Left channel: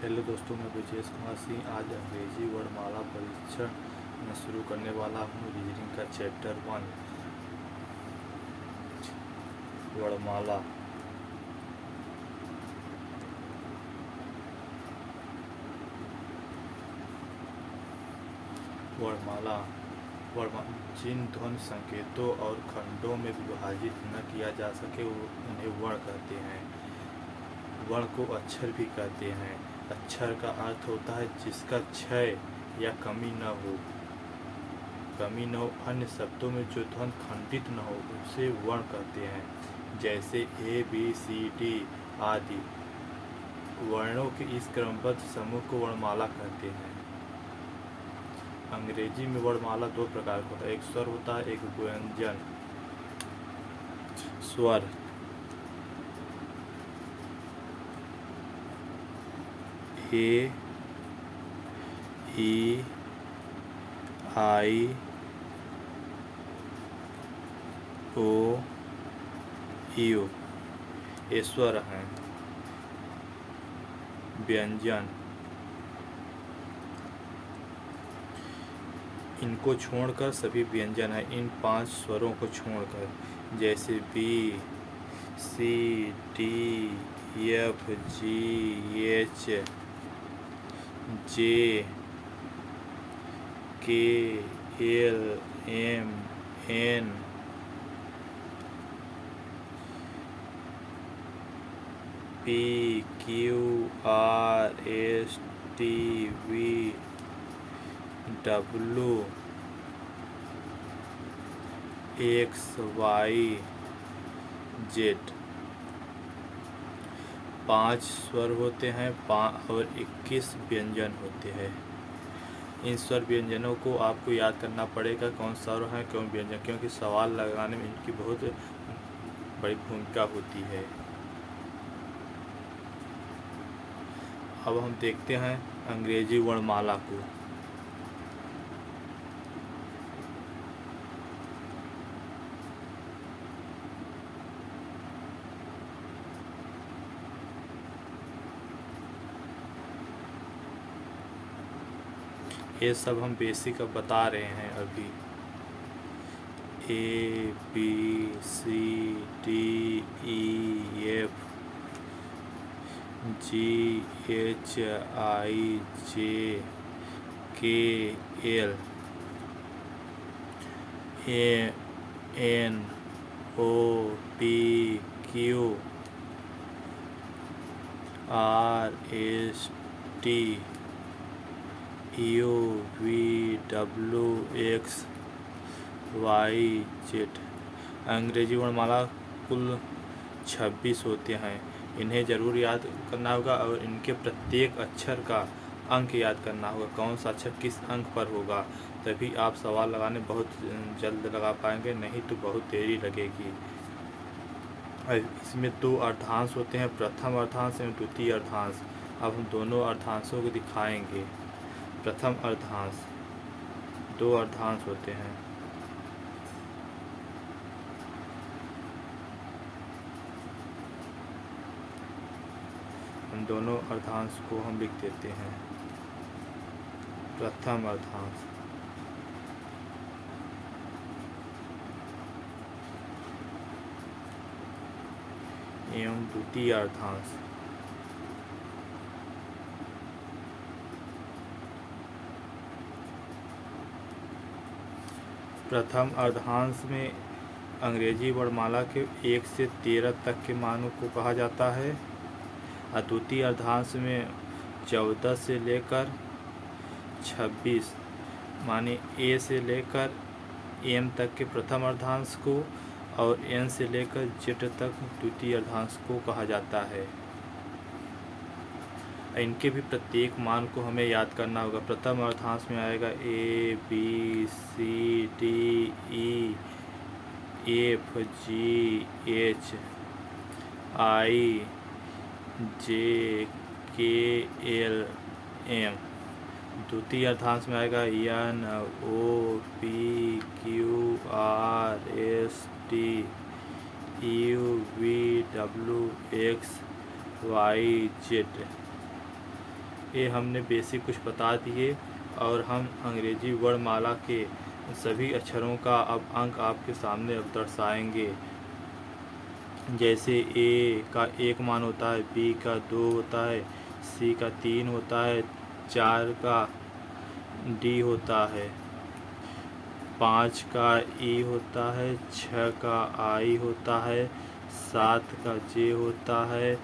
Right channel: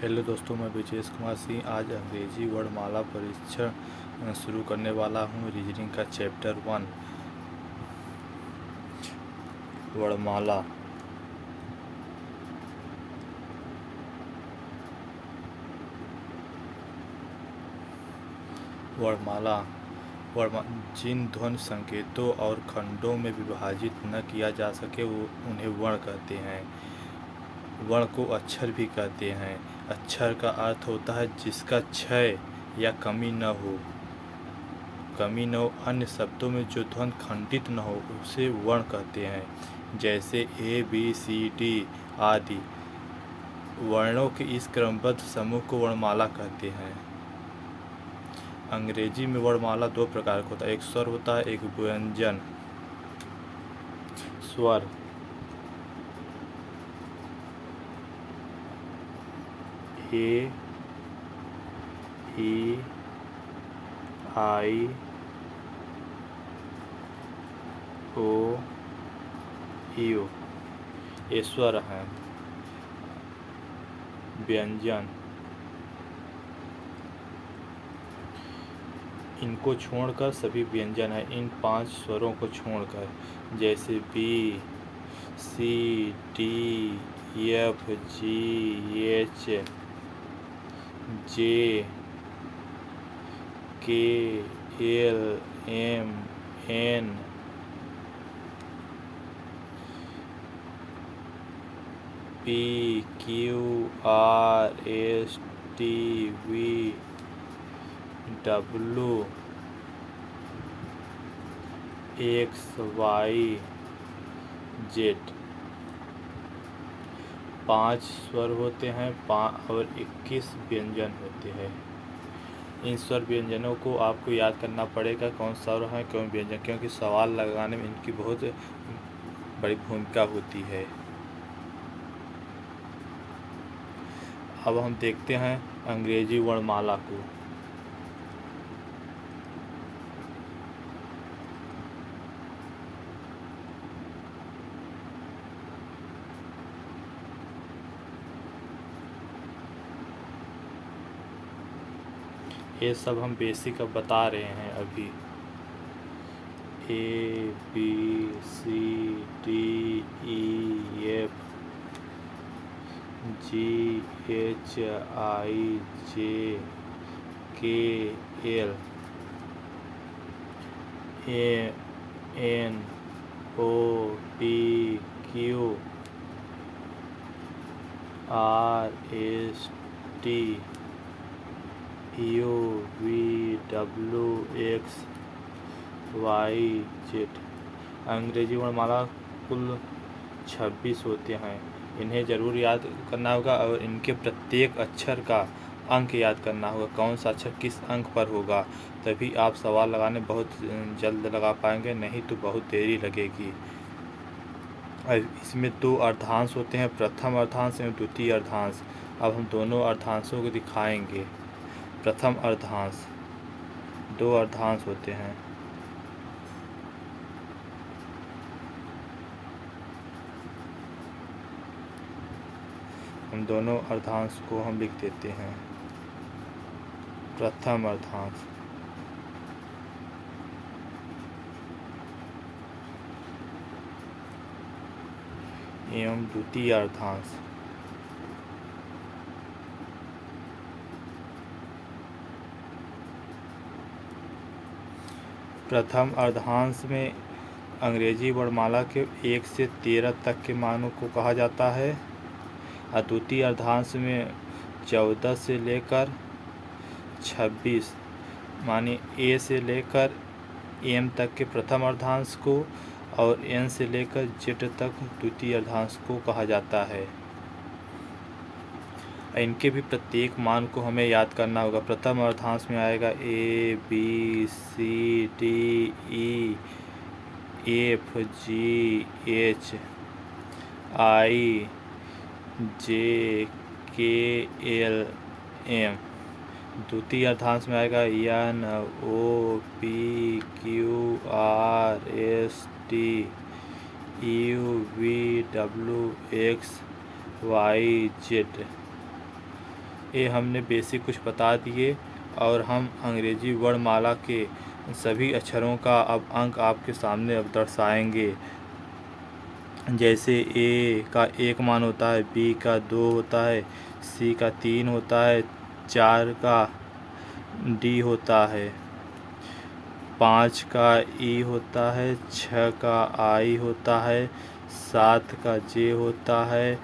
Hello दोस्तों, मैं ब्रजेश कुमार सिंह आज अंग्रेजी वर्णमाला परीक्षण शुरू करने वाला हूँ। रीजनिंग का चैप्टर 1 वर्णमाला। वर्णमाला जिन ध्वनि संकेतों और खंडों में विभाजित न किया जा सके उन्हें वर्ण कहते हैं। वर्ण को अक्षर भी कहते हैं। अक्षर का अर्थ होता है जिसका क्षय या कमी न हो। अन्य शब्दों में जो ध्वनि खंडित न हो उसे वर्ण कहते हैं, जैसे ए बी सी डी आदि। वर्णों के इस क्रमबद्ध समूह को वर्णमाला कहते हैं। अंग्रेजी में वर्णमाला दो प्रकार का होता है, एक स्वर होता है, एक व्यंजन। स्वर ए, ई, आई, ओ, यू, ये स्वर हैं। व्यंजन इनको छोड़कर सभी व्यंजन हैं। इन 5 स्वरों को छोड़कर, जैसे B, C, D, F, G, H, J, K, L, M, N, P, Q, R, S, T, V, W, X, Y, Z. 5 स्वर होते हैं और 21 व्यंजन होते हैं। इन स्वर व्यंजनों को आपको याद करना पड़ेगा, कौन स्वर है कौन व्यंजन, क्योंकि सवाल लगाने में इनकी बहुत बड़ी भूमिका होती है। अब हम देखते हैं अंग्रेजी वर्णमाला को। ये सब हम बेसिक अब बता रहे हैं अभी। A B C D E F G H I J K L N O P Q R S T U V W X Y Z. अंग्रेजी वर्णमाला कुल 26 होते हैं। इन्हें ज़रूर याद करना होगा और इनके प्रत्येक अक्षर का अंक याद करना होगा, कौन सा अक्षर किस अंक पर होगा, तभी आप सवाल लगाने बहुत जल्द लगा पाएंगे, नहीं तो बहुत देरी लगेगी। इसमें 2 अर्धांश होते हैं, प्रथम अर्धांश एवं द्वितीय अर्धांश। अब हम दोनों अर्धांशों को दिखाएंगे। प्रथम अर्धांश 2 अर्धांश होते हैं। हम दोनों अर्धांश को हम लिख देते हैं। प्रथम अर्धांश एवं द्वितीय अर्धांश। प्रथम अर्धांश में अंग्रेजी वर्णमाला के 1 से 13 तक के मानों को कहा जाता है और द्वितीय अर्धांश में 14 से लेकर 26 माने ए से लेकर एम तक के प्रथम अर्धांश को और एन से लेकर जेड तक द्वितीय अर्धांश को कहा जाता है। इनके भी प्रत्येक मान को हमें याद करना होगा। प्रथम अर्धांश में आएगा A B C D E F G H I J K L M. द्वितीय अर्धांश में आएगा N O P Q R S T U V W X Y Z. ये हमने बेसिक कुछ बता दिए और हम अंग्रेजी वर्णमाला के सभी अक्षरों का अब अंक आपके सामने अब दर्शाएंगे। जैसे ए का 1 मान होता है, बी का 2 होता है, सी का 3 होता है, 4 का डी होता है, 5 का ई होता है, 6 का आई होता है, 7 का जे होता है,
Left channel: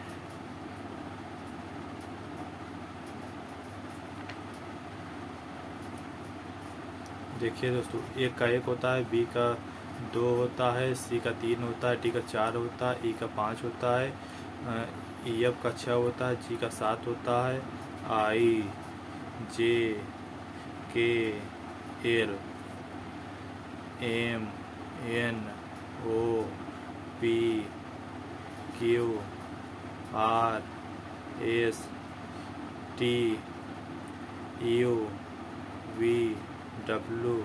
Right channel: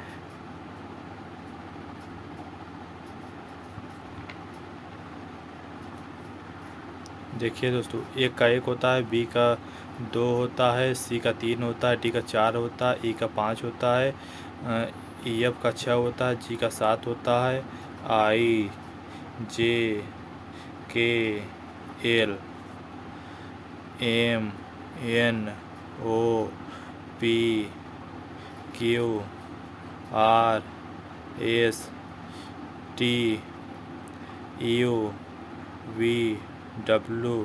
देखिए दोस्तों, ए का 1 होता है, बी का 2 होता है, सी का 3 होता है, डी का 4 होता है, ई का 5 होता है, ई एफ का 6 होता है, जी का 7 होता है, I J K L M N O P Q R S T U V W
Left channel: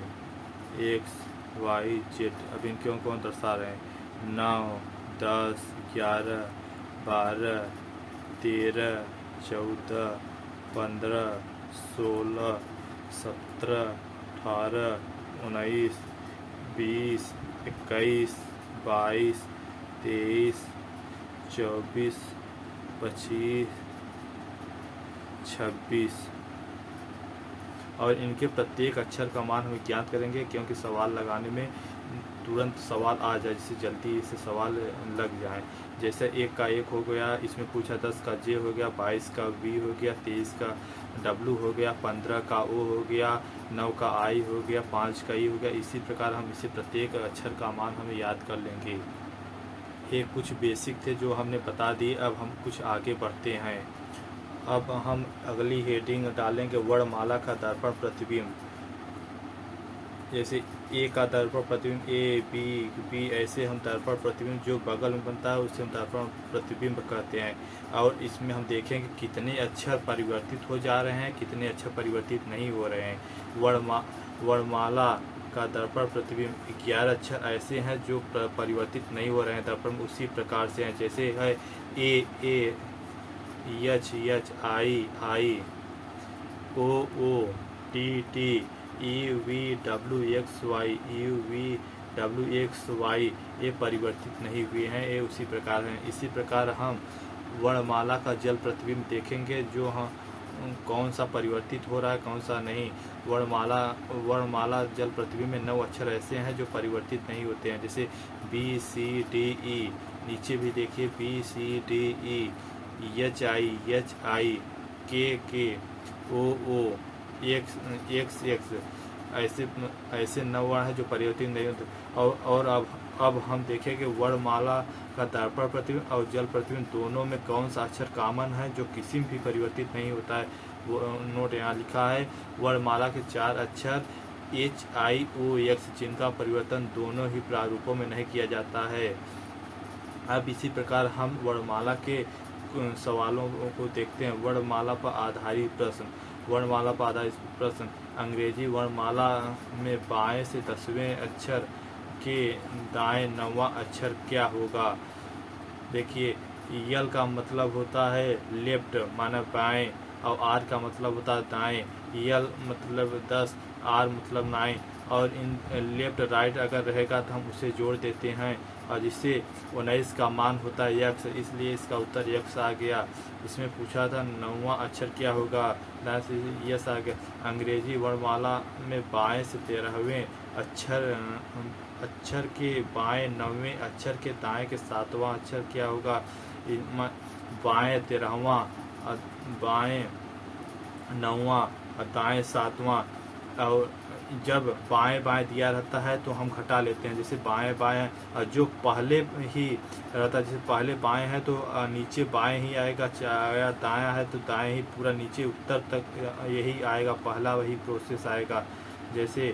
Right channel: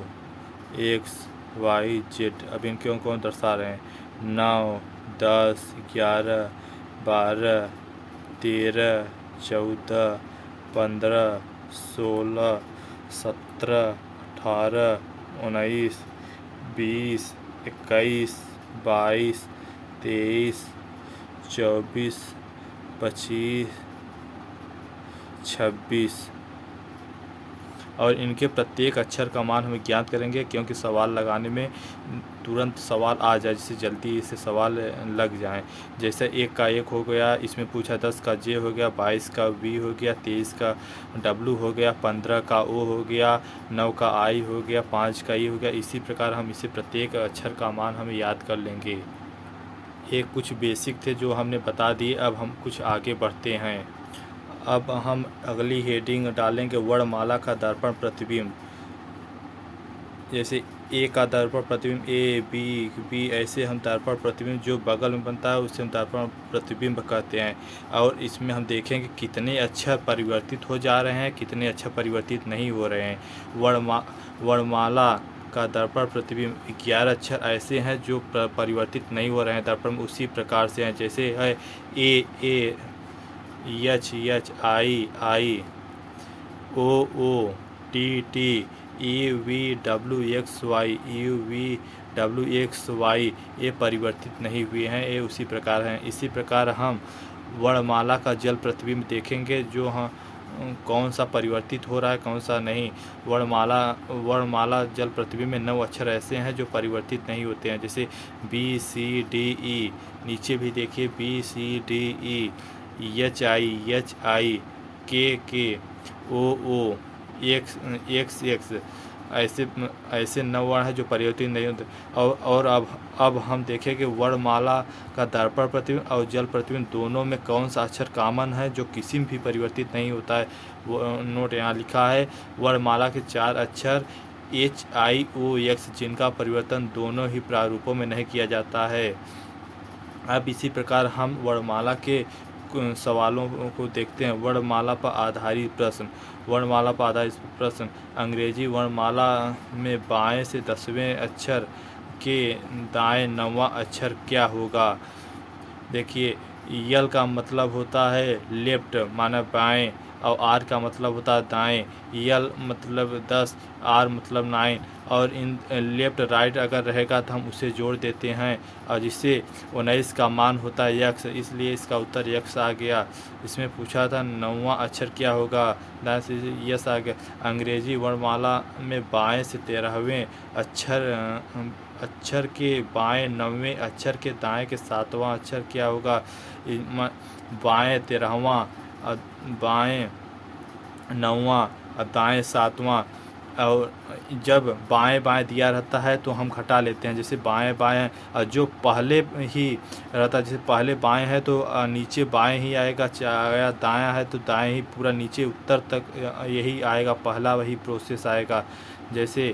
X Y Z. अब इनको कौन दर्शा रहे हैं? 9 10 11 12 13 14 15 16 17 18 19 20 21 22 23 24 25 26 और इनके प्रत्येक अक्षर का मान हम ज्ञात करेंगे, क्योंकि सवाल लगाने में तुरंत सवाल आ जाए, जिससे जल्दी से सवाल लग जाए। जैसे 1 का 1 हो गया, इसमें पूछा 10 का जे हो गया, 22 का वी हो गया, 23 का डब्लू हो गया, 15 का ओ हो गया, 9 का आई हो गया, 5 का ई हो गया। इसी प्रकार हम इसे प्रत्येक अक्षर का मान हम याद कर लेंगे। ये कुछ बेसिक थे जो हमने बता दिए। अब हम कुछ आगे बढ़ते हैं। अब हम अगली हेडिंग डालेंगे वर्णमाला का दर्पण प्रतिबिंब। जैसे ए का दर्पण प्रतिबिंब, ए बी ऐसे हम दर्पण प्रतिबिंब जो बगल में बनता है उसे हम दर्पण प्रतिबिंब कहते हैं। और इसमें हम देखेंगे कितने अक्षर परिवर्तित हो जा रहे हैं, कितने अक्षर परिवर्तित नहीं हो रहे हैं। वर्णमाला का दर्पण प्रतिबिंब 11 अक्षर ऐसे हैं जो परिवर्तित नहीं हो रहे हैं दर्पण में, उसी प्रकार से हैं। जैसे है A H H I O T U V W X Y ये परिवर्तित नहीं हुए हैं, ये उसी प्रकार हैं। इसी प्रकार हम वर्णमाला का जल प्रतिबिंब देखेंगे, जो हम कौन सा परिवर्तित हो रहा है कौन सा नहीं। वर्णमाला जल प्रतिबिंब में 9 अक्षर ऐसे हैं जो परिवर्तित नहीं होते हैं। जैसे बी सी डी ई, नीचे भी देखिए B C D E, H I K O x ऐसे 9 वर्ण हैं जो परिवर्तित नहीं होते। और अब हम देखें कि वर्णमाला का दर्पण प्रतिबिंब और जल प्रतिबिंब दोनों में कौन सा अक्षर कॉमन है जो किसी में भी परिवर्तित नहीं होता है। वो नोट यहाँ लिखा है, वर्णमाला के 4 अक्षर HIOX जिनका परिवर्तन दोनों ही प्रारूपों में नहीं किया जाता है। अब इसी प्रकार हम वर्णमाला के सवालों को देखते हैं। वर्णमाला पर आधारित प्रश्न। अंग्रेजी वर्णमाला में बाएं से 10वें अक्षर के दाएं 9वां अक्षर क्या होगा? देखिए, यल का मतलब होता है लेफ्ट माना बाएं, और आर का मतलब होता है दाएं। यल मतलब 10, आर मतलब 9, और इन लेफ्ट राइट अगर रहेगा तो हम उसे जोड़ देते हैं, और जिससे 19 का मान होता है यक्स, इसलिए इसका उत्तर यक्स आ गया। इसमें पूछा था 9वां अक्षर क्या होगा, दाएं से यस आ गया। अंग्रेजी वर्णमाला में बाएं से 13वें अक्षर के बाएं 9वें अक्षर के दाएं के 7वां अक्षर क्या होगा? बाएं 13वां, बाएं 9वां, दाएं 7वां। और जब बाएं बाएं दिया रहता है तो हम घटा लेते हैं। जैसे बाएं बाएं जो पहले ही रहता है, जैसे पहले बाएं है तो नीचे बाएं ही आएगा, दायां है तो दाएं ही पूरा नीचे उत्तर तक यही आएगा, पहला वही प्रोसेस आएगा। जैसे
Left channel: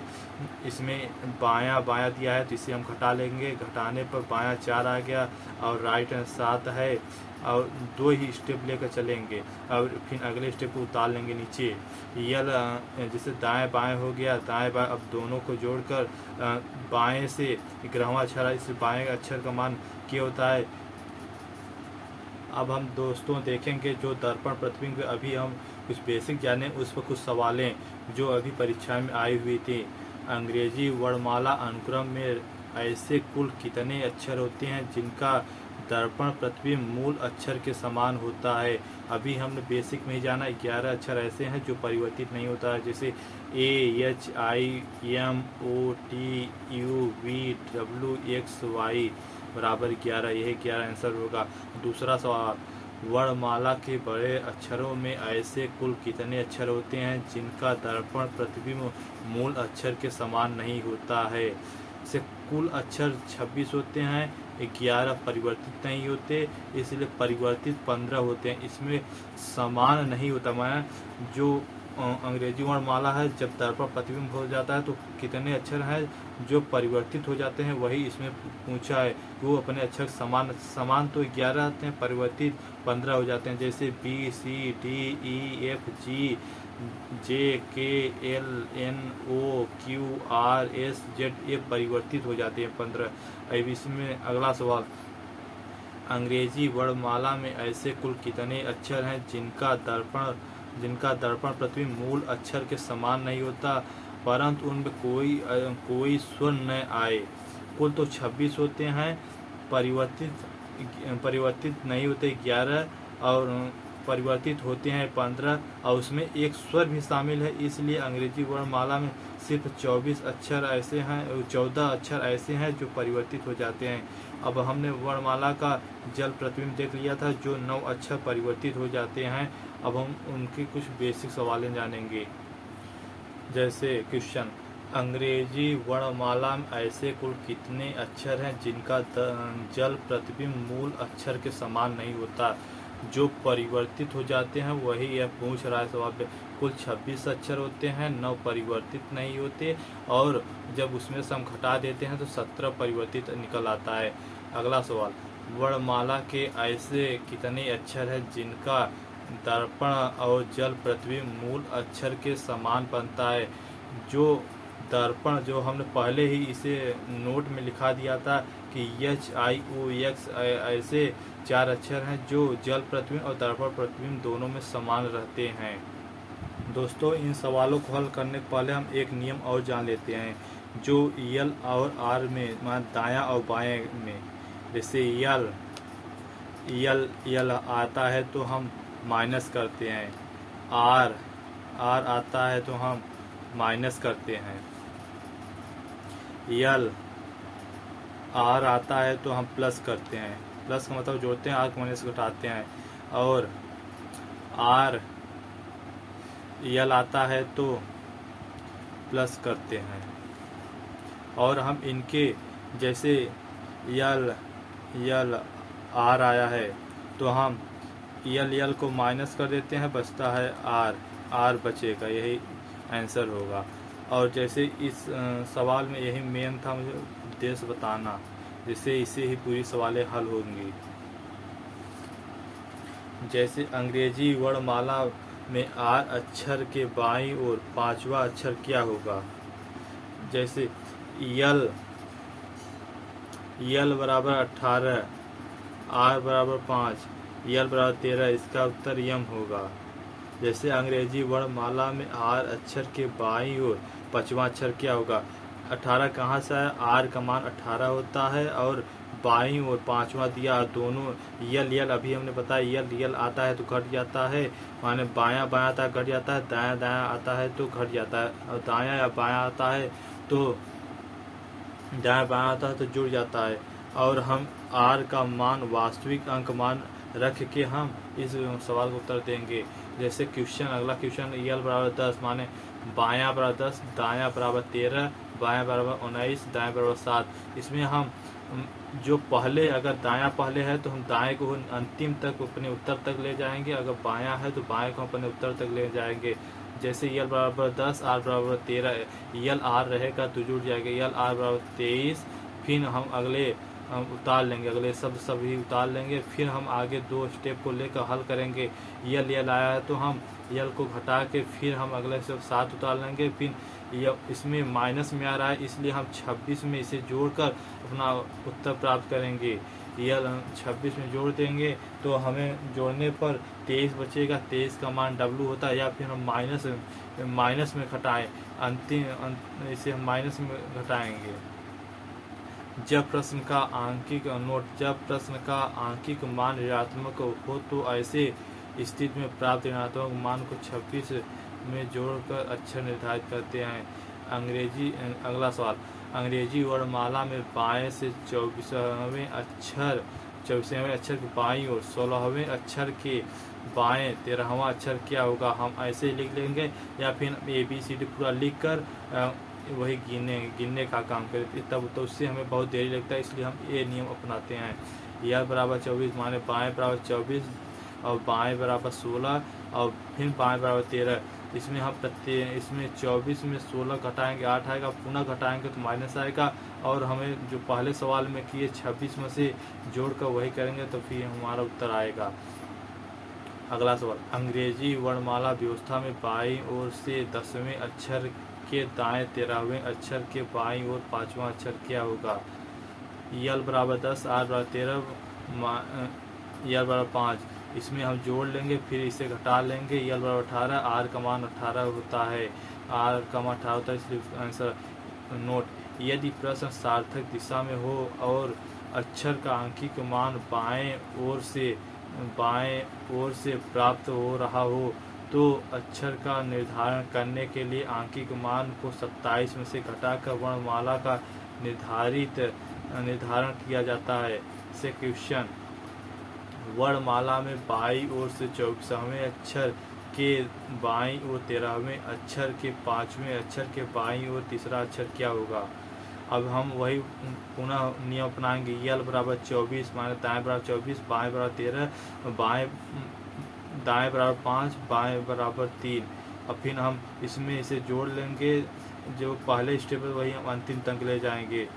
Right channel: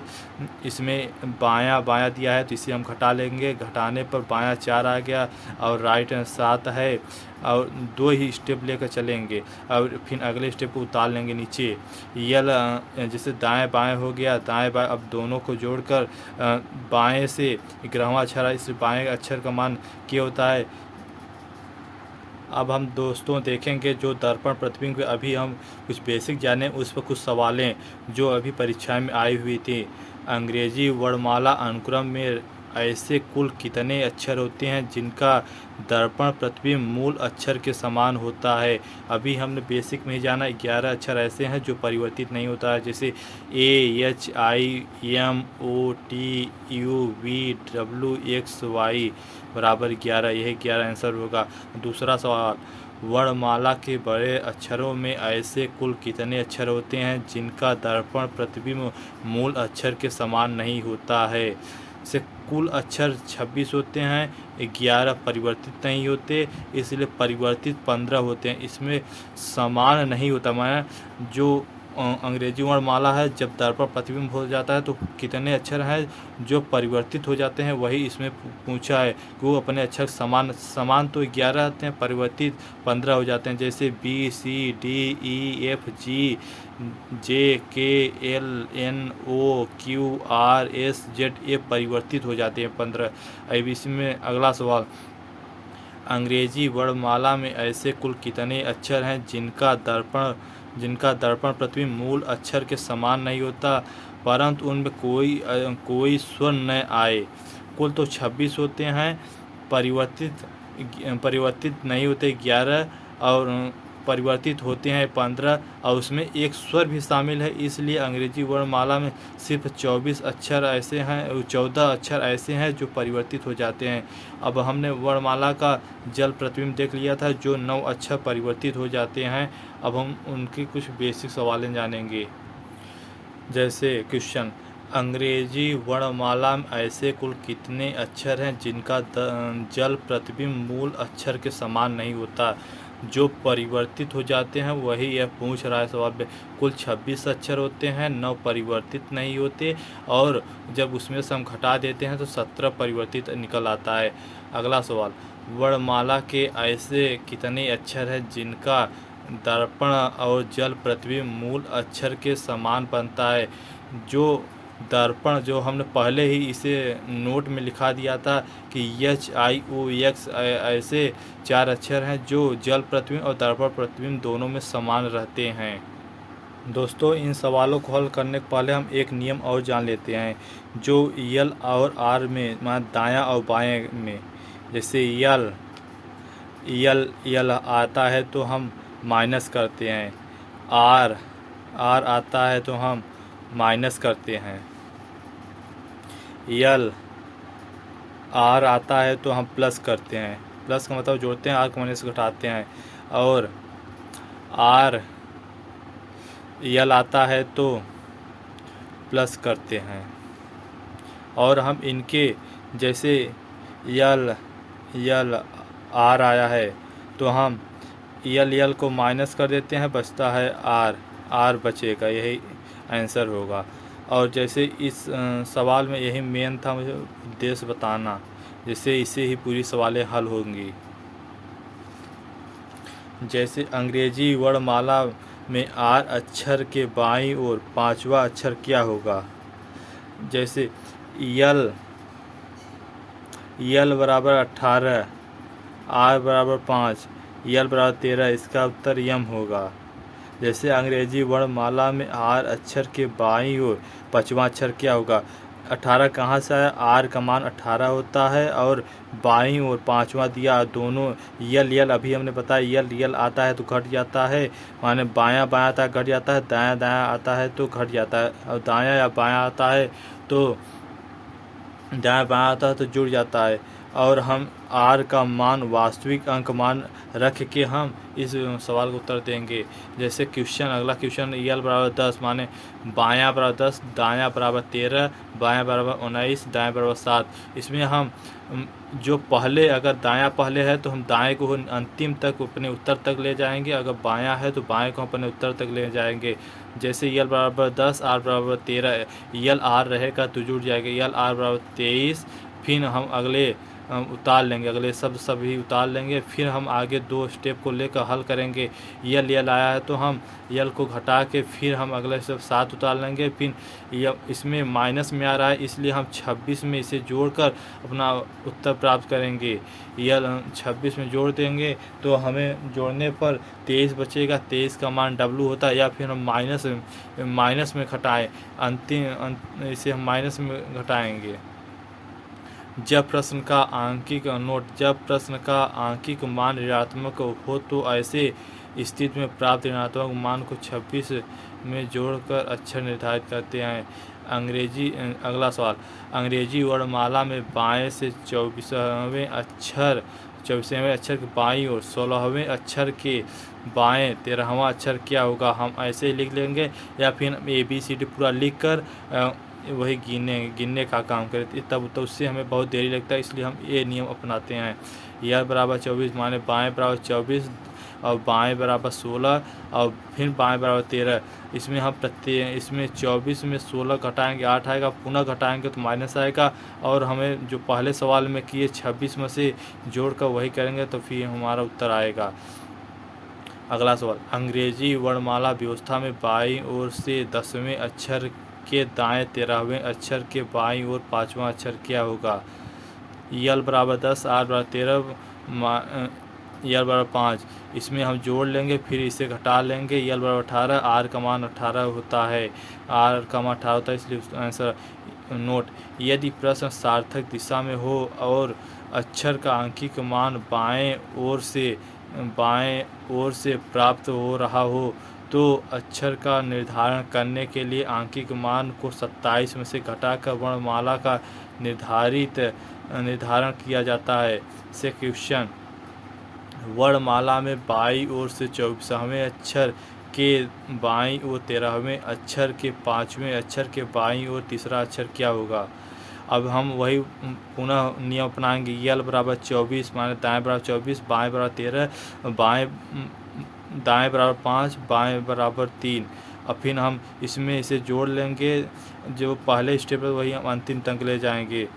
इसमें बायां बायां दिया है तो इसे हम घटा लेंगे, घटाने पर बायां 4 आ गया और राइट 7 है, और 2 ही स्टेप लेकर चलेंगे और फिर अगले स्टेप को उतार लेंगे नीचे। यल जैसे दाएं बाएं हो गया, दाएं बाएं, अब दोनों को जोड़कर बाएं से 11वां अक्षर, इस बाएं अक्षर का मान क्या होता है? अब हम दोस्तों देखेंगे जो दर्पण प्रतिबिंब पे अभी हम कुछ बेसिक जाने, उस पर कुछ सवालें जो अभी परीक्षा में आई हुई थी। अंग्रेजी वर्णमाला अनुक्रम में ऐसे कुल कितने अक्षर होते हैं जिनका दर्पण प्रतिबिंब मूल अक्षर के समान होता है। अभी हमने बेसिक में ही जाना 11 अक्षर ऐसे हैं जो परिवर्तित नहीं होता है, जैसे AHIMOTUVWXY बराबर 11, यही 11 आंसर होगा। दूसरा सवाल, वर्णमाला के बड़े अक्षरों में ऐसे कुल कितने अक्षर होते हैं जिनका दर्पण प्रतिबिंब मूल अक्षर के समान नहीं होता है। से कुल अक्षर 26 होते हैं, 11 परिवर्तित नहीं होते, इसलिए परिवर्तित 15 होते हैं। इसमें समान नहीं होता, माना जो अंग्रेजी वर्णमाला है जब दर्पण प्रतिबिंब हो जाता है तो कितने अक्षर हैं जो परिवर्तित हो जाते हैं, वही इसमें पूछा है कि वो अपने अक्षर समान तो 11 आते हैं, परिवर्तित 15 हो जाते हैं। जैसे BCDEFG JKLNOQRSZ ये परिवर्तित हो जाते हैं 15। अब इसमें अगला सवाल, अंग्रेजी वर्णमाला में ऐसे कुल कितने अक्षर हैं जिनका दर्पण प्रतिबिंब मूल अक्षर के समान नहीं होता परंतु उनमें कोई स्वर न आए। कुल तो 26 होते हैं, परिवर्तित नहीं होते 11 और परिवर्तित होते हैं 15 और उसमें एक स्वर भी शामिल है, इसलिए अंग्रेजी वर्णमाला में सिर्फ 14 अक्षर ऐसे हैं जो परिवर्तित हो जाते हैं। अब हमने वर्णमाला का जल प्रतिबिंब देख लिया था जो 9 अक्षर परिवर्तित हो जाते हैं। अब हम उनकी कुछ बेसिक सवालें जानेंगे। जैसे क्वेश्चन, अंग्रेजी वर्णमाला में ऐसे कुल कितने अक्षर हैं जिनका जल प्रतिबिंब मूल अक्षर के समान नहीं होता। जो परिवर्तित हो जाते हैं वही यह पूछ रहा है सवाल पे। कुल 26 अक्षर होते हैं, 9 परिवर्तित नहीं होते और जब उसमें से हम घटा देते हैं तो 17 परिवर्तित निकल आता है। अगला सवाल, वर्णमाला के ऐसे कितने अक्षर हैं जिनका दर्पण और जल प्रतिबिंब मूल अक्षर के समान बनता है। जो दर्पण जो हमने पहले ही इसे नोट में लिखा दिया था कि HIOX ऐसे 4 अक्षर हैं जो जल प्रतिबिंब और दर्पण प्रतिबिंब दोनों में समान रहते हैं। दोस्तों इन सवालों को हल करने के पहले हम एक नियम और जान लेते हैं जो यल और आर में, मान दायां और बाएं में। जैसे यल आता है तो हम माइनस करते हैं, आर आता है तो हम माइनस करते हैं, यल आर आता है तो हम प्लस करते हैं, प्लस का मतलब जोड़ते हैं, आर को माइनस घटाते हैं, और आर यल आता है तो प्लस करते हैं। और हम इनके जैसे यल आर आया है तो हम यल को माइनस कर देते हैं, बचता है आर बचेगा, यही आंसर होगा। और जैसे इस सवाल में यही मेन था मुझे उद्देश्य बताना, जिससे इसे ही पूरी सवालें हल होंगी। जैसे अंग्रेजी वर्णमाला में आर अक्षर के बाईं ओर 5वां अक्षर क्या होगा। जैसे यल बराबर 18, आर बराबर 5, यल बराबर 13, इसका उत्तर यम होगा। जैसे अंग्रेजी वर्णमाला में आर अक्षर के बाईं ओर 5वां अक्षर क्या होगा। 18 कहाँ से आया, आर का मान 18 होता है और बाईं ओर 5वां दिया, दोनों यल अभी हमने बताया यल आता है तो घट जाता है, माने बायां आता है घट जाता है, दायां आता है तो घट जाता है, और दायां या बायां आता है तो जुड़ जाता है। और हम आर का मान वास्तविक अंक मान रख के हम इस सवाल को उत्तर देंगे। जैसे अगला क्वेश्चन, यल बराबर 10 माने बायां बराबर 10, दायां बराबर 13, बायां बराबर 19, दायां बराबर 7। इसमें हम जो पहले, अगर दायां पहले है तो हम दाएं को अंतिम तक अपने उत्तर तक ले जाएंगे, अगर बायां है तो बाएं को अपने उत्तर तक ले जाएंगे। जैसे यल बराबर 10, आर बराबर 13, यल आर रहेगा तो जुड़ जाएगा, यल आर बराबर 23। फिर हम अगले उतार लेंगे, अगले शब्द सभी उतार लेंगे। फिर हम आगे 2 स्टेप को लेकर हल करेंगे। यल आया है तो हम यल को घटा के फिर हम अगले शब्द 7 उतार लेंगे। फिर इसमें माइनस में आ रहा है, इसलिए हम 26 में इसे जोड़कर अपना उत्तर प्राप्त करेंगे। यल 26 में जोड़ देंगे तो हमें जोड़ने पर 23 बचेगा। 23 का मान W होता है, या फिर हम माइनस में घटाएं, इसे हम माइनस में घटाएंगे। जब प्रश्न का आंकिक नोट, जब प्रश्न का आंकिक मान ऋणात्मक हो तो ऐसे स्थिति में प्राप्त ऋणात्मक मान को 26 में जोड़कर अक्षर निर्धारित करते हैं। अगला सवाल, अंग्रेजी वर्णमाला में बाएं से 24वें अक्षर के बाईं और 16वें अक्षर के बाएं 13वां अक्षर क्या होगा? हम ऐसे लिख लेंगे, या फिर ABCD पूरा लिख कर वही गिनने का काम करें, तब तो उससे हमें बहुत देरी लगता है, इसलिए हम ये नियम अपनाते हैं। यल बराबर 24 माने बाएं बराबर 24 और बाएं बराबर 16 और फिर बाएं बराबर 13। इसमें हम इसमें 24 में 16 घटाएंगे 8 आएगा, पुनः घटाएंगे तो माइनस आएगा, और हमें जो पहले सवाल में किए 26 में से जोड़कर वही करेंगे तो फिर हमारा उत्तर आएगा। अगला सवाल, अंग्रेजी वर्णमाला व्यवस्था में बाईं ओर से 10वें अक्षर के दाएं 13वें अक्षर के बाईं ओर 5वां अक्षर क्या होगा? यल बराबर 10, आर बराबर 13, यल बराबर 5। इसमें हम जोड़ लेंगे, फिर इसे घटा लेंगे। यल बराबर 18, आर का मान 18 होता है, आर का मान 18 होता है, इसलिए उसका आंसर। नोट, यदि प्रश्न सार्थक दिशा में हो और अक्षर का आंकिक मान बाएं ओर से प्राप्त हो रहा हो तो अक्षर का निर्धारण करने के लिए आंकिक मान को 27 में से घटाकर वर्णमाला का निर्धारण किया जाता है। से क्वेश्चन, वर्णमाला में बाईं ओर से 24वें अक्षर के बाईं ओर 13वें अक्षर के 5वें अक्षर के बाईं ओर तीसरा अक्षर क्या होगा? अब हम वही पुनः नियम अपनाएंगे। यल बराबर 24 माने दाएं बराबर 24, बाएं बराबर 13, दाएं बराबर 5, बाएं बराबर 3। और फिर हम इसमें इसे जोड़ लेंगे, जो पहले स्टेप है वही हम अंतिम तक ले जाएंगे।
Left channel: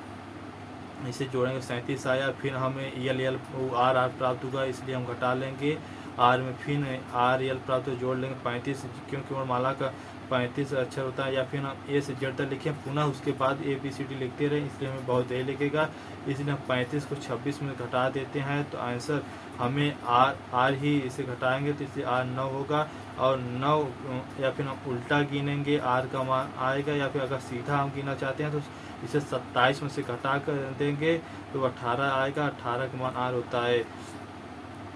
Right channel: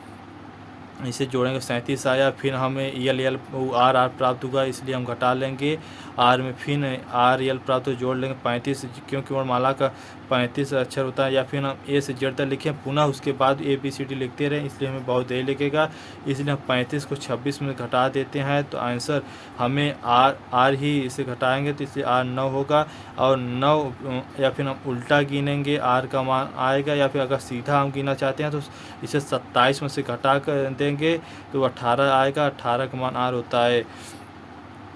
इसे जोड़ेंगे 37 आया, फिर हमें यल आर प्राप्त होगा, इसलिए हम घटा लेंगे। आर में फिर आर यल प्राप्त हो, जोड़ लेंगे 35, क्योंकि वर्णमाला का 35 अक्षर होता है। या फिर हम ए से जेड तक लिखें, पुनः उसके बाद ABCD लिखते रहें, इसलिए हमें बहुत देर लगेगा, इसलिए हम 35 को 26 में घटा देते हैं तो आंसर हमें आर ही इसे घटाएंगे तो इसलिए आर 9 होगा। और 9 या फिर हम उल्टा गिनेंगे, आर का मान आएगा, या फिर अगर सीधा हम गिनना चाहते हैं तो इसे 27 में से घटा कर देंगे तो 18 आएगा, 18 का मान आर होता है।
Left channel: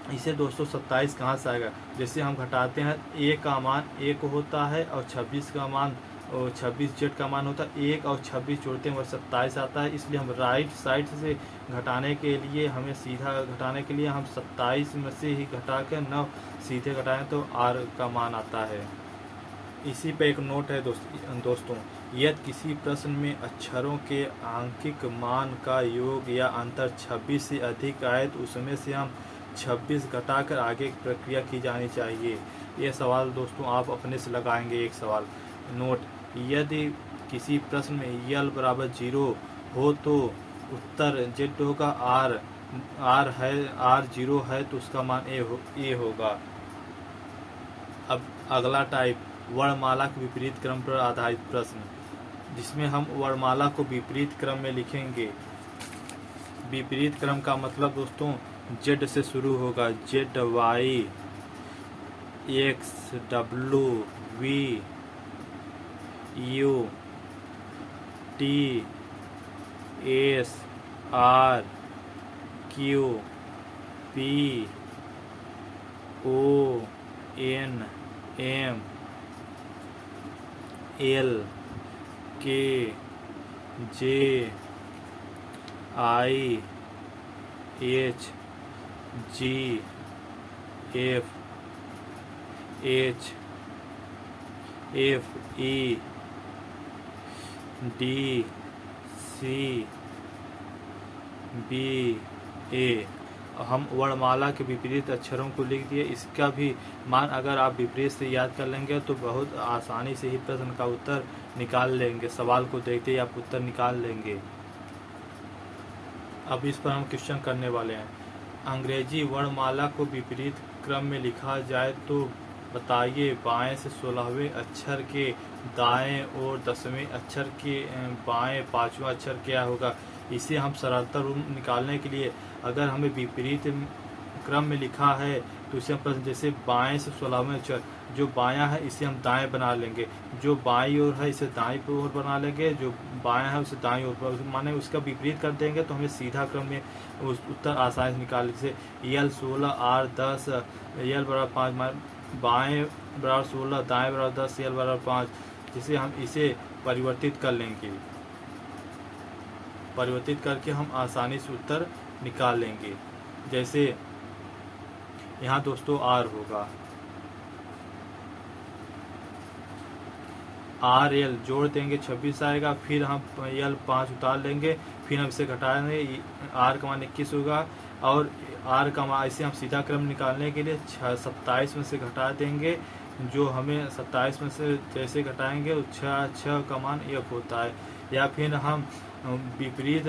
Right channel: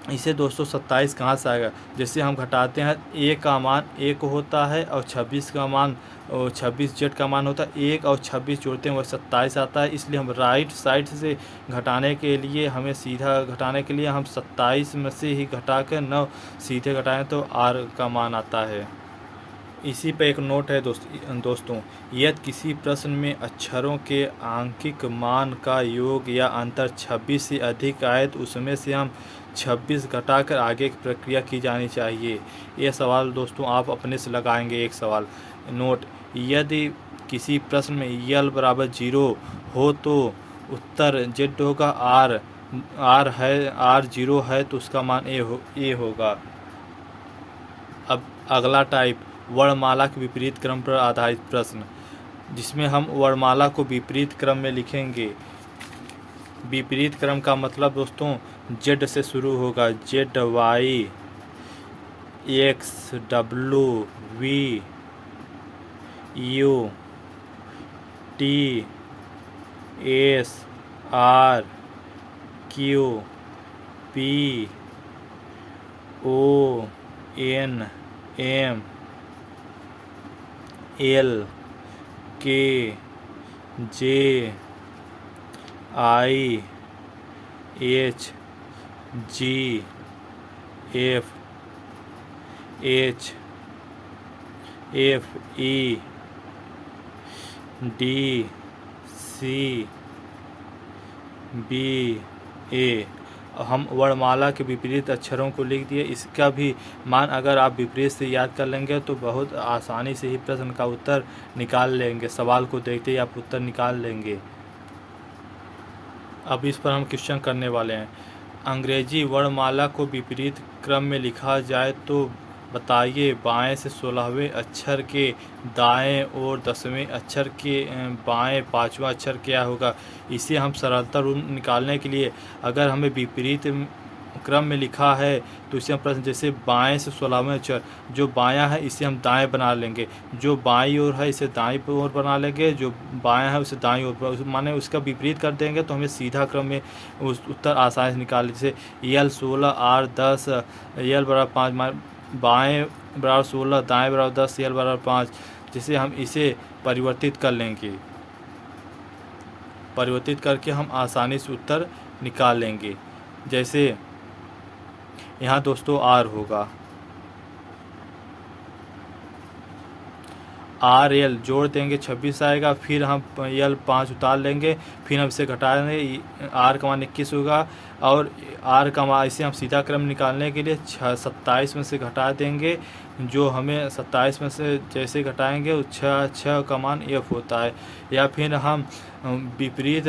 इसे दोस्तों 27 कहाँ से आएगा? जैसे हम घटाते हैं, ए का मान 1 होता है और 26 का मान 26 जेड का मान होता है, 1 और 26 जोड़ते हैं वह 27 आता है। इसलिए हम राइट साइड से घटाने के लिए, हमें सीधा घटाने के लिए हम 27 में से ही घटा कर 9 सीधे घटाएं तो आर का मान आता है। इसी पे एक नोट है दोस्तों, यदि किसी प्रश्न में अक्षरों के आंकिक मान का योग या अंतर 26 से अधिक आए तो उसमें से हम 26 घटाकर आगे की प्रक्रिया की जानी चाहिए। यह सवाल दोस्तों आप अपने से लगाएंगे। एक सवाल, नोट, यदि किसी प्रश्न में यल बराबर 0 हो तो उत्तर जेड होगा, आर 0 है तो उसका मान ए होगा। अब अगला टाइप, वर्णमाला के विपरीत क्रम पर आधारित प्रश्न, जिसमें हम वर्णमाला को विपरीत क्रम में लिखेंगे। विपरीत क्रम का मतलब दोस्तों जेड से शुरू होगा, Z Y X W V U T S R Q P O N M L K J I H G F E D C B A. हम वर्णमाला के विपरीत अक्षरों को लिख दिए। इसका भी मान अगर आप विपरीत से याद कर लेंगे तो बहुत आसानी से ही प्रश्न का उत्तर निकाल लेंगे। सवाल को देखते ही आप उत्तर निकाल लेंगे। अब इस पर हम क्वेश्चन करने वाले हैं। अंग्रेजी वर्णमाला को विपरीत क्रम में लिखा जाए तो बताइए। बाएं से 16वें अक्षर के दाएं और 10वें अक्षर के बाएं 5वां अक्षर क्या होगा। इसे हम सरलता रूप निकालने के लिए, अगर हमें विपरीत क्रम में लिखा है तो इसे हम प्रश्न, जैसे बाएं से 16वें अक्षर, जो बायां है इसे हम दाएं बना लेंगे, जो बाईं ओर है इसे दाईं ओर बना लेंगे, जो बायां है उसे दाईं ओर, माने उसका विपरीत कर देंगे तो हमें सीधा क्रम में उस उत्तर आसानी से निकाल, जैसे यल 16 आर 10 यल बराबर 5, बाएं बराबर 16 दाएं बराबर 10 यल बराबर 5, जिसे हम इसे परिवर्तित कर लेंगे, परिवर्तित करके हम आसानी से उत्तर निकाल लेंगे। जैसे यहाँ दोस्तों आर होगा, आर एल जोड़ देंगे 26 आएगा, फिर हम यल 5 उतार लेंगे, फिर हम इसे घटा देंगे, आर का मान 21 होगा, और आर का मान, इसे हम सीधा क्रम निकालने के लिए 27 में से घटा देंगे, जो हमें 27 में से जैसे घटाएंगे 6 का मान एफ होता है। या फिर हम विपरीत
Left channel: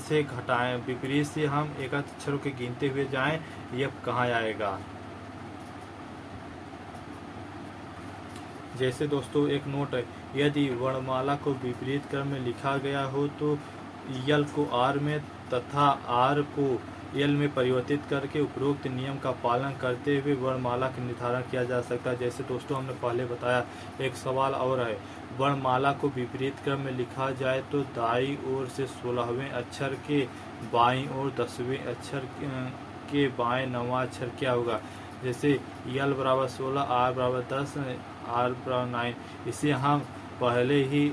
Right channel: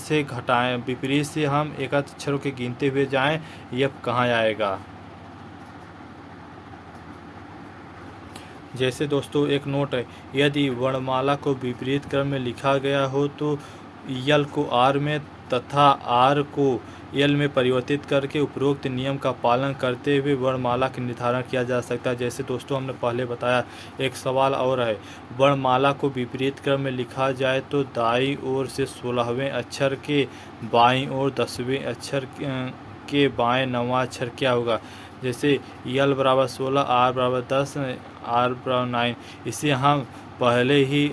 से घटाएं, विपरीत से हम एक अक्षरों के गिनते हुए जाएं, एफ कहाँ आएगा। जैसे दोस्तों एक नोट है, यदि वर्णमाला को विपरीत क्रम में लिखा गया हो तो यल को आर में तथा आर को यल में परिवर्तित करके उपरोक्त नियम का पालन करते हुए वर्णमाला का निर्धारण किया जा सकता है। जैसे दोस्तों हमने पहले बताया, एक सवाल और है, वर्णमाला को विपरीत क्रम में लिखा जाए तो दाईं ओर से 16वें अक्षर के बाईं ओर 10वें अक्षर के बाएं 9वां अक्षर क्या होगा। जैसे यल बराबर 16 आर बराबर 10 आर बराबर 9, इसे हम पहले ही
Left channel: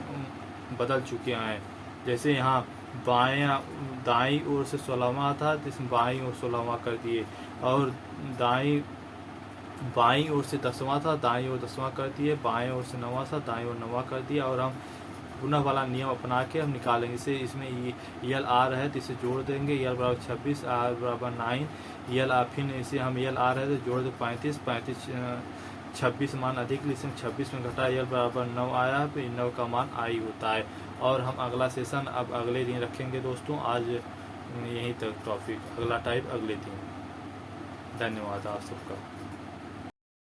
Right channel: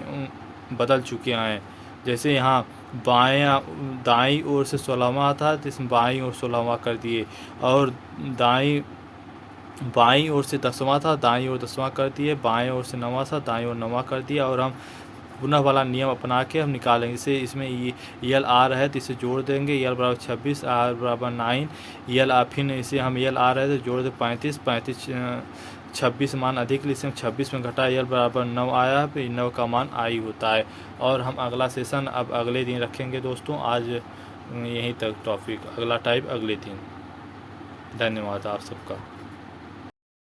बदल चुके हैं। जैसे यहाँ बायां दाईं ओर से 16वां था तो इसमें बाईं ओर 16वां कर दिए, और बाईं ओर से 10वां था दाईं ओर 10वां कर दिए, बाएं ओर से 9वां था दाईं ओर 9वां कर दिया, और हम पुनः वाला नियम अपना के हम निकालेंगे। इसे इसमें यल आर है तो इसे जोड़ देंगे, यल बराबर 26 आर बराबर 9 यल फिर इसे हम यल आर है तो जोड़ दे 35 26 मान अधिक, इसे हम 26 में घटा, यल बराबर 9 आया, फिर 9 का मान आई होता है। और हम अगला सेशन अब अगले दिन रखेंगे दोस्तों, आज यहीं तक टॉपिक, अगला टाइप अगले दिन। धन्यवाद आप सबका।